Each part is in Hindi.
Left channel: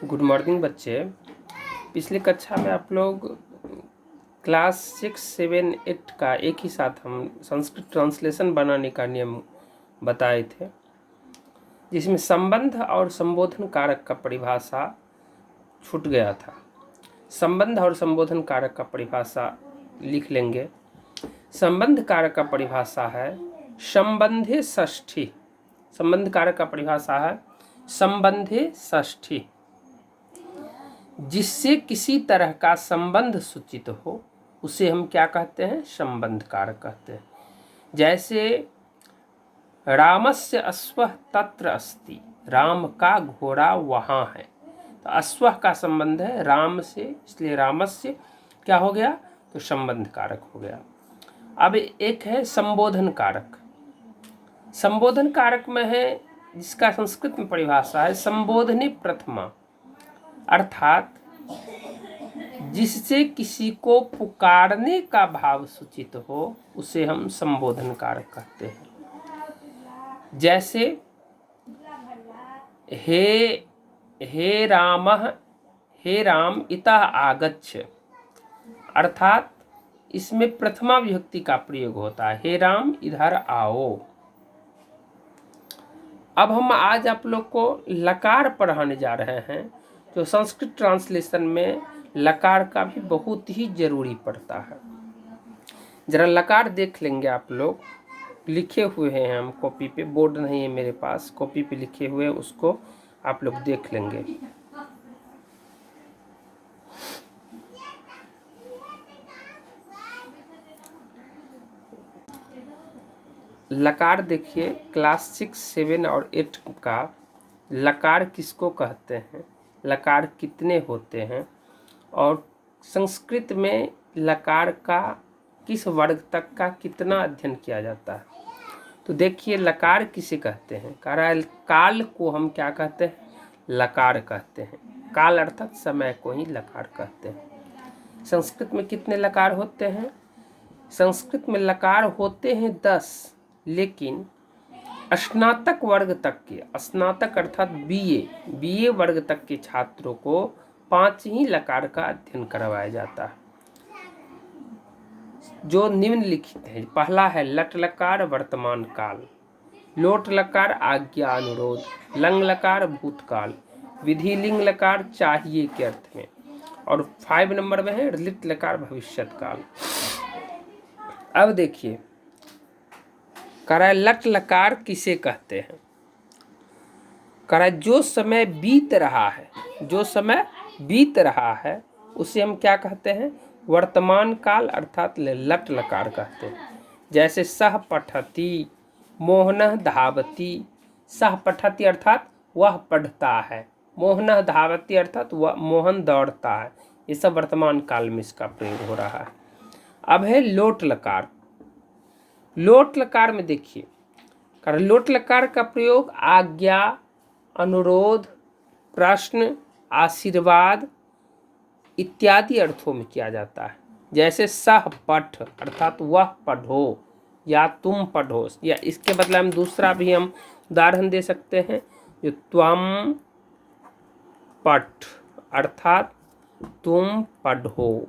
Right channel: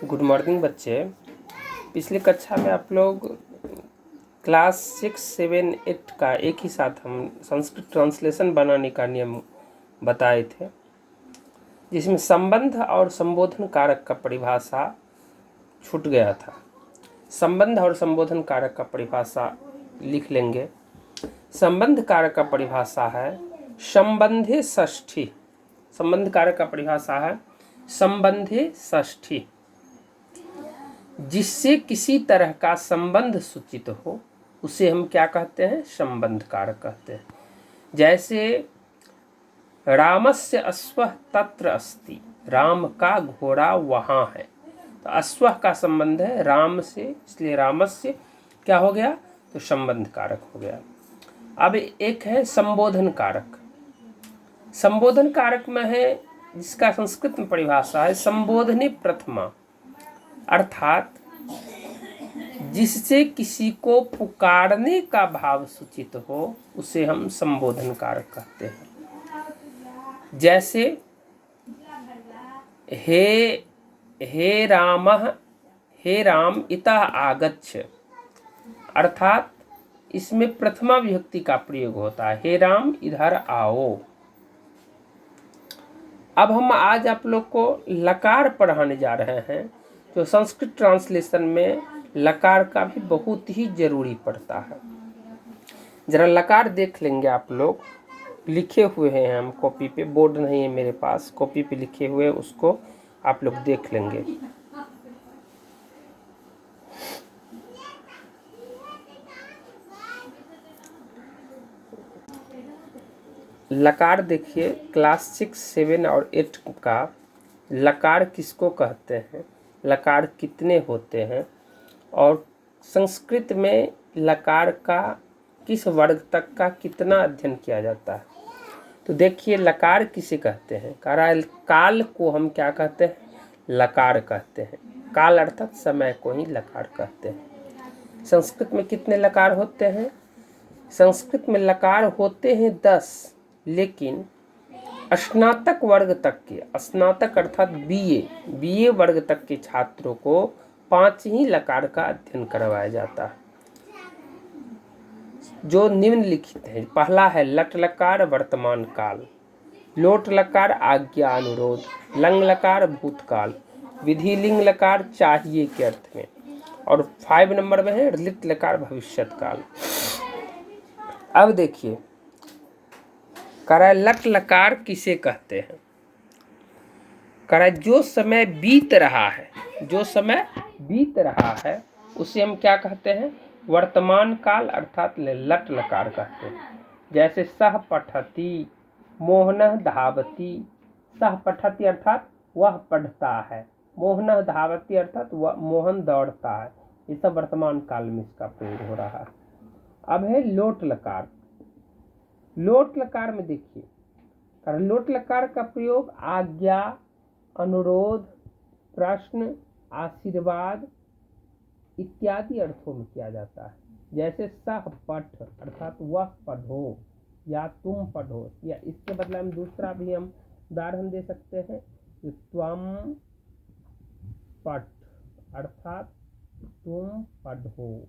गुड मॉर्निंग बच्चे। पिछली कक्षा में आप लोग क्लास 6, 7, 8 का एक ही साथ हम संस्कृत ट्रांसलेशन बनाने का नियम बताए थे, जिसमें संबंध और संबोधन कारक का परिभाषा छूट गया था। संबंध और संबोधन कारक का परिभाषा लिख लेंगे। संबंध कारक का परिभाषा है संबंधे षष्ठी। संबंध कारक का परिभाषा है संबंधे षष्ठी, जिससे किसी तरह का संबंध सूचित हो उसे हम क्या कहते हैं? संबंध कारक कहते हैं। जैसे रामस्य अश्वः तत्र अस्ति, राम का घोड़ा वहाँ है, तो अश्वः का संबंध है राम से, इसलिए रामस्य क्या हो गया? तो संबंध कारक हो गया। अब एक है संबोधन कारक। संबोधन कारक में है, जिसका संस्कृत में परिभाषा है संबोधने प्रथमा, अर्थात जिससे किसी को पुकारने का भाव सूचित हो उसे हम संबोधन कारक कहते हैं। जैसे हे राम इतः आगच्छ, अर्थात इसमें प्रथमा विभक्ति का प्रयोग होता है, हे राम इधर आओ। अब हम आज आप लोग को लकार पढ़ाने जा रहे हैं, जो संस्कृत ट्रांसलेशन में लकार का भी बहुत ही जरूरी पड़ता है। जरा लकार देख लेंगे आप लोग, लिखे हुए हैं हम कॉपी पे, बोर्ड नहीं है मेरे पास, कॉपी पे लिखे हुए, उसको आप लोग देख लेंगे। लकार देखिए, क्लास 6, 7 और 8 का लकार किसको कहते हैं, लकार कितने होते हैं, और संस्कृत में लकार का किस वर्ग तक का कितना अध्ययन किया जाता है। तो देखिए लकार किसे कहते हैं? काल को हम क्या कहते हैं? लकार कहते हैं। काल अर्थात समय को ही लकार कहते हैं। संस्कृत में कितने लकार होते हैं? संस्कृत में लकार होते हैं 10, लेकिन स्नातक वर्ग तक के, स्नातक अर्थात बीए वर्ग तक के छात्रों को 5 ही लकार का अध्ययन करवाया जाता है, जो निम्नलिखित है। पहला है लट लकार वर्तमान काल, लोट लकार आज्ञा अनुरोध, लंग लकार भूतकाल, विधि लिंग लकार चाहिए के अर्थ में, और 5 नंबर में है लिट लकार भविष्यत काल। अब देखिए लट लकार किसे कहते हैं? जो समय बीत रहा है, जो समय बीत रहा है उसे हम क्या कहते हैं? वर्तमान काल अर्थात लट लकार कहते हैं। जैसे सह पठति, मोहनः धावति। सह पठति अर्थात वह पढ़ता है, मोहनः धावति अर्थात वह मोहन दौड़ता है। ये सब वर्तमान काल में इसका प्रयोग हो रहा है। अब है लोट लकार। लोट लकार में देखिए, लोट लकार का प्रयोग आज्ञा, अनुरोध, प्रश्न, आशीर्वाद इत्यादि अर्थों में किया जाता है। जैसे सह पठ अर्थात वह पढ़ो या तुम पढ़ो, या इसके बदले में दूसरा भी हम उदाहरण दे सकते हैं, जो त्वम पठ अर्थात तुम पढ़ो।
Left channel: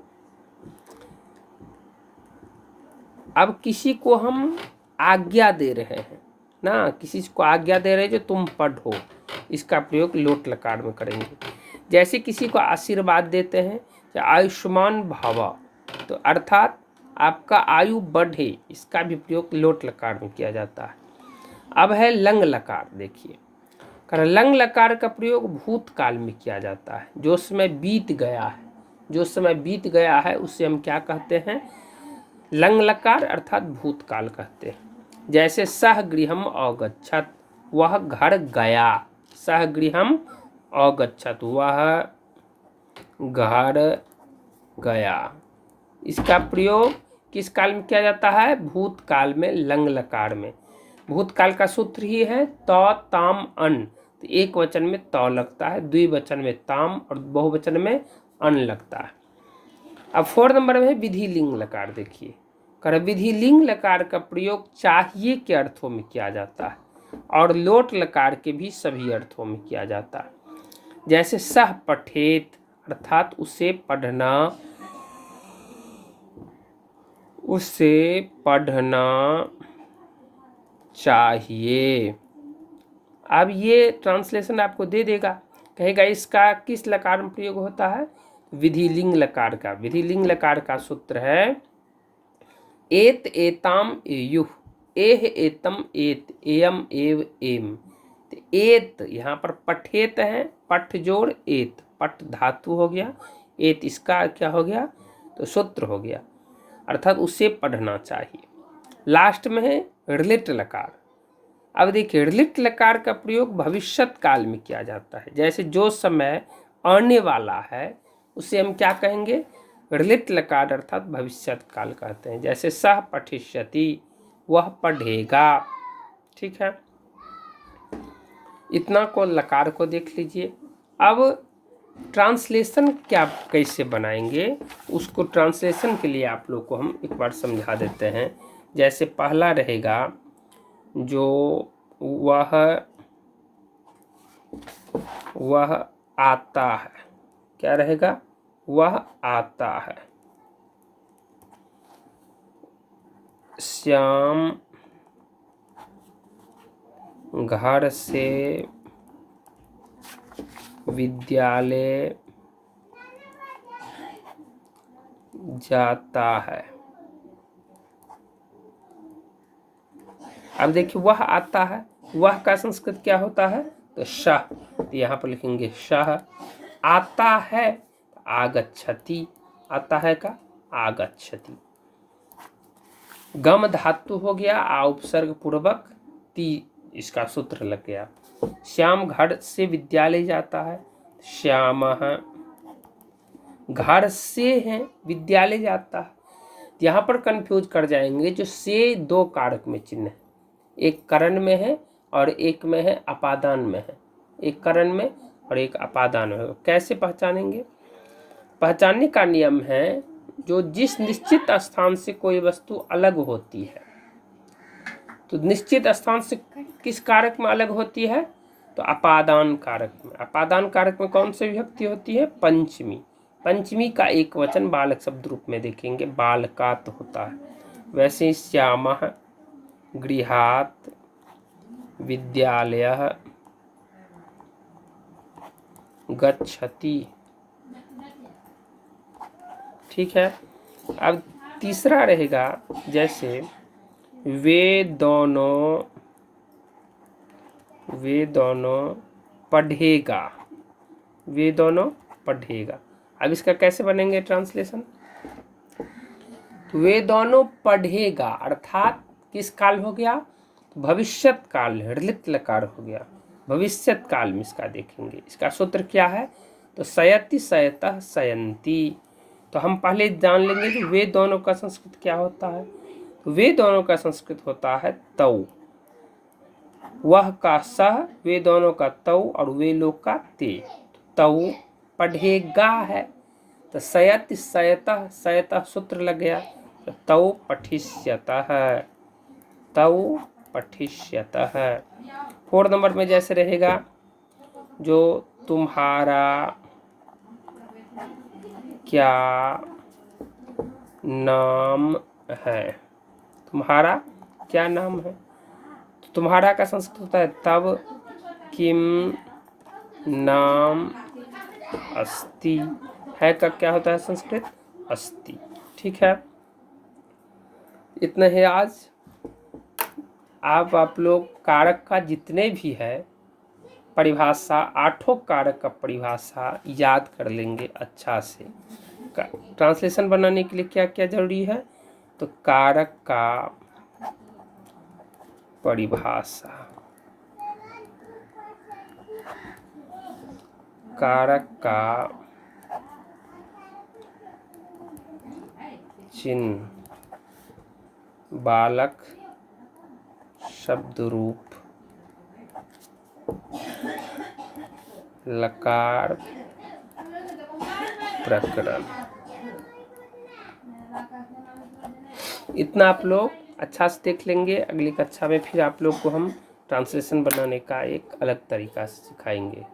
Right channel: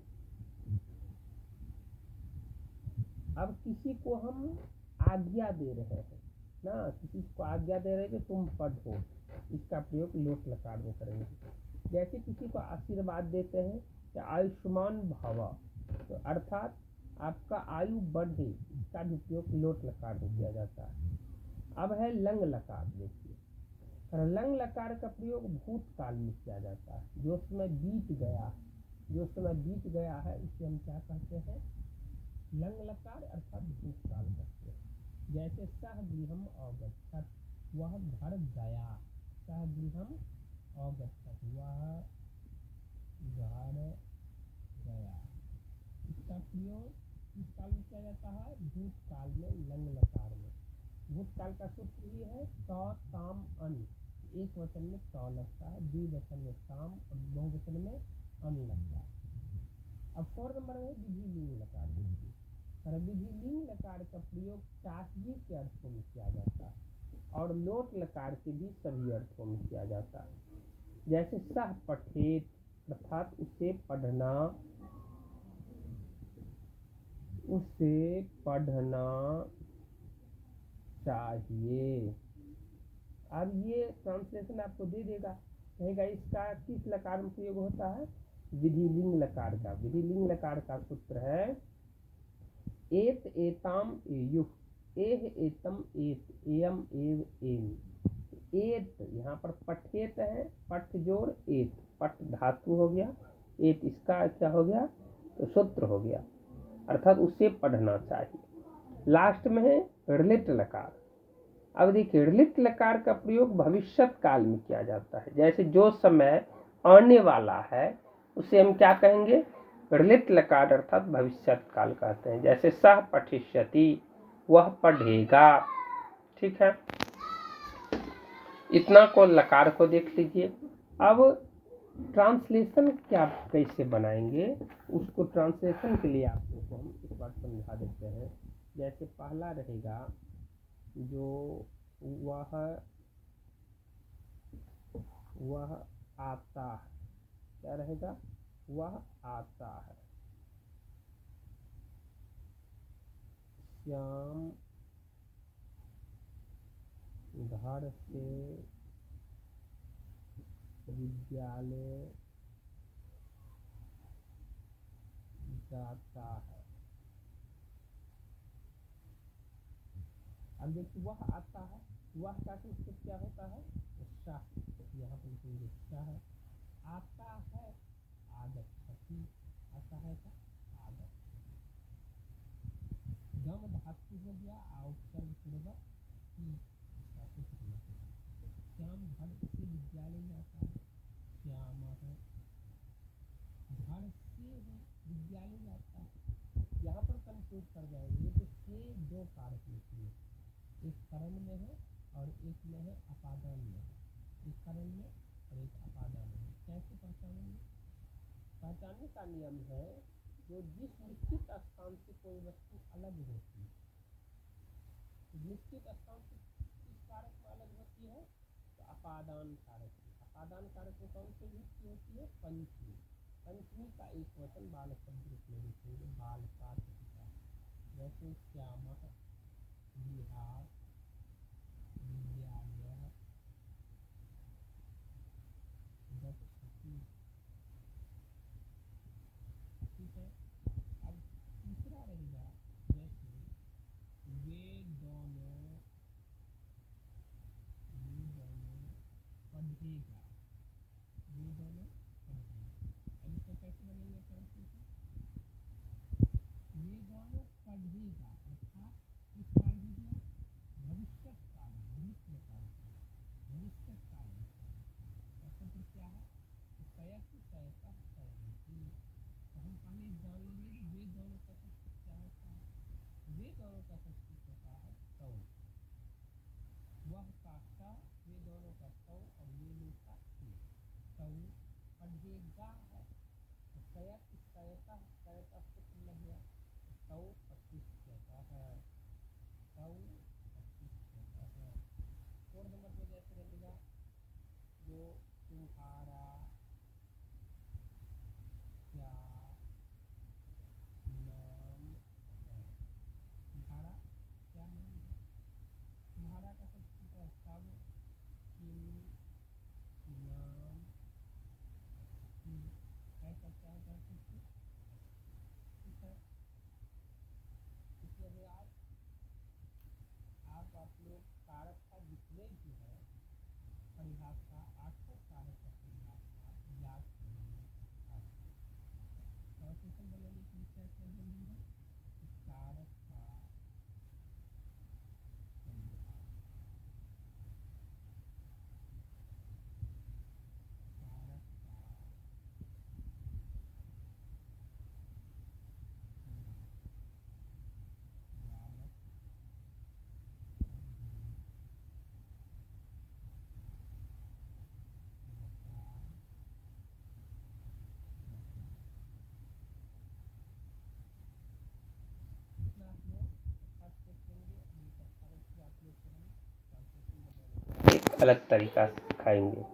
अब किसी को हम आज्ञा दे रहे हैं ना, किसी को आज्ञा दे रहे हैं जो तुम पढ़ो, इसका प्रयोग लोट लकार में करेंगे। जैसे किसी को आशीर्वाद देते हैं, आयुष्मान भव, तो अर्थात आपका आयु बढ़े, इसका भी प्रयोग लोट लकार में किया जाता है। अब है लंग लकार। देखिए लंग लकार का प्रयोग भूतकाल में किया जाता है, जो समय बीत गया है, जो समय बीत गया है उसे हम क्या कहते हैं? लंग लकार अर्थात भूतकाल कहते हैं। जैसे सह गृहम अगच्छत, वह घर गया, सह गृहम अगच्छत, वह घर गया। इसका प्रयोग किस काल में किया जाता है? भूतकाल में, लंग लकार में। भूतकाल का सूत्र ही है त ताम अन, तो एक वचन में त लगता है, द्विवचन में ताम और बहुवचन में अन लगता है। अब 4 नंबर में विधि लिंग लकार। देखिए विधि लिंग लकार का प्रयोग चाहिए के अर्थों में किया जाता है, और लोट लकार के भी सभी अर्थों में किया जाता है। जैसे सह पठेत अर्थात उसे पढ़ना, उसे पढ़ना चाहिए। अब ये ट्रांसलेशन आपको दे देगा, कहेगा इसका किस लकार में प्रयोग होता है, विधिलिंग लकार का। विधिलिंग लकार का सूत्र है एत एताम एयुः, एह एतम एत, एयम एव एम। तो एत यहाँ पर पठेत है, पठ जोड़ एत, पठ धातु हो गया, एत इसका क्या हो गया, तो सूत्र हो गया, अर्थात उसे पढ़ना चाहिए। लास्ट में है ऋलिट लकार। अब देखिए ऋलिट लकार का प्रयोग भविष्यत काल में किया जाता है। जैसे जो समय आने वाला है उसे हम क्या कहेंगे, ऋलिट लकार अर्थात भविष्यत काल कहते हैं। जैसे सह पठिष्यति, वह पढ़ेगा। ठीक है, इतना को लकार को देख लीजिए। अब ट्रांसलेशन क्या कैसे बनाएंगे, उसको ट्रांसलेशन के लिए आप लोग को हम एक बार समझा देते हैं। जैसे पहला रहेगा जो वह आता है, क्या रहेगा, वह आता है। श्याम घर से विद्यालय जाता है। अब देखिए वह आता है, वह का संस्कृत क्या होता है, तो शह। तो यहाँ पर लिखेंगे शह। आता है आगच्छति, आता है का आगच्छति। गम धातु हो गया, आ उपसर्ग पूर्वक ती, इसका सूत्र लग गया। श्याम घर से विद्यालय जाता है, श्यामः। घर से है विद्यालय जाता है, यहाँ पर कंफ्यूज कर जाएंगे। जो से दो कारक में चिन्ह है, एक करण में है और एक में है अपादान में है, एक करण में और एक अपादान में है। कैसे पहचानेंगे, पहचानने का नियम है, जो जिस निश्चित स्थान से कोई वस्तु अलग होती है, तो निश्चित स्थान से किस कारक में अलग होती है, तो अपादान कारक में। अपादान कारक में कौन सी विभक्ति होती है, पंचमी। पंचमी का एक वचन बालक शब्द रूप में देखेंगे, बालकात होता है। वैसे श्यामः गृहात् विद्यालयः गच्छति। ठीक है, अब तीसरा रहेगा, जैसे वे दोनों पढ़ेगा, वे दोनों पढ़ेगा। अब इसका कैसे बनेंगे ट्रांसलेशन, वे दोनों पढ़ेगा अर्थात किस काल हो गया, तो भविष्यत काल, ऋलित लकार हो गया, भविष्यत काल में इसका देखेंगे। इसका सूत्र क्या है, तो सयति सयतः सयंती। तो हम पहले जान लेंगे कि वे दोनों का संस्कृत क्या होता है। तो वे दोनों का संस्कृत होता है तौ, वह का सह, वे दोनों का तौ और वे लोग का ते। तौ पढ़ेगा है, तो सयति सयतः, सयतः सूत्र लग गया, तो तौ पठिष्यतः, तौ पठिष्यतः। 4 नंबर में जैसे रहेगा, जो तुम्हारा क्या नाम है, तुम्हारा क्या नाम है। तो तुम्हारा का संस्कृत होता है तब किम नाम अस्ति, है का क्या होता है संस्कृत, अस्ति। ठीक है, इतना है आज। आप लोग कारक का जितने भी है परिभाषा, 8 कारक का परिभाषा याद कर लेंगे अच्छा से। ट्रांसलेशन बनाने के लिए क्या क्या जरूरी है, तो कारक का परिभाषा, कारक का चिन्ह, बालक शब्द रूप, लकार प्रकरण। इतना आप लोग अच्छा से देख लेंगे। अगली कक्षा में फिर आप लोग को हम ट्रांसलेशन बनाने का एक अलग तरीका सिखाएंगे।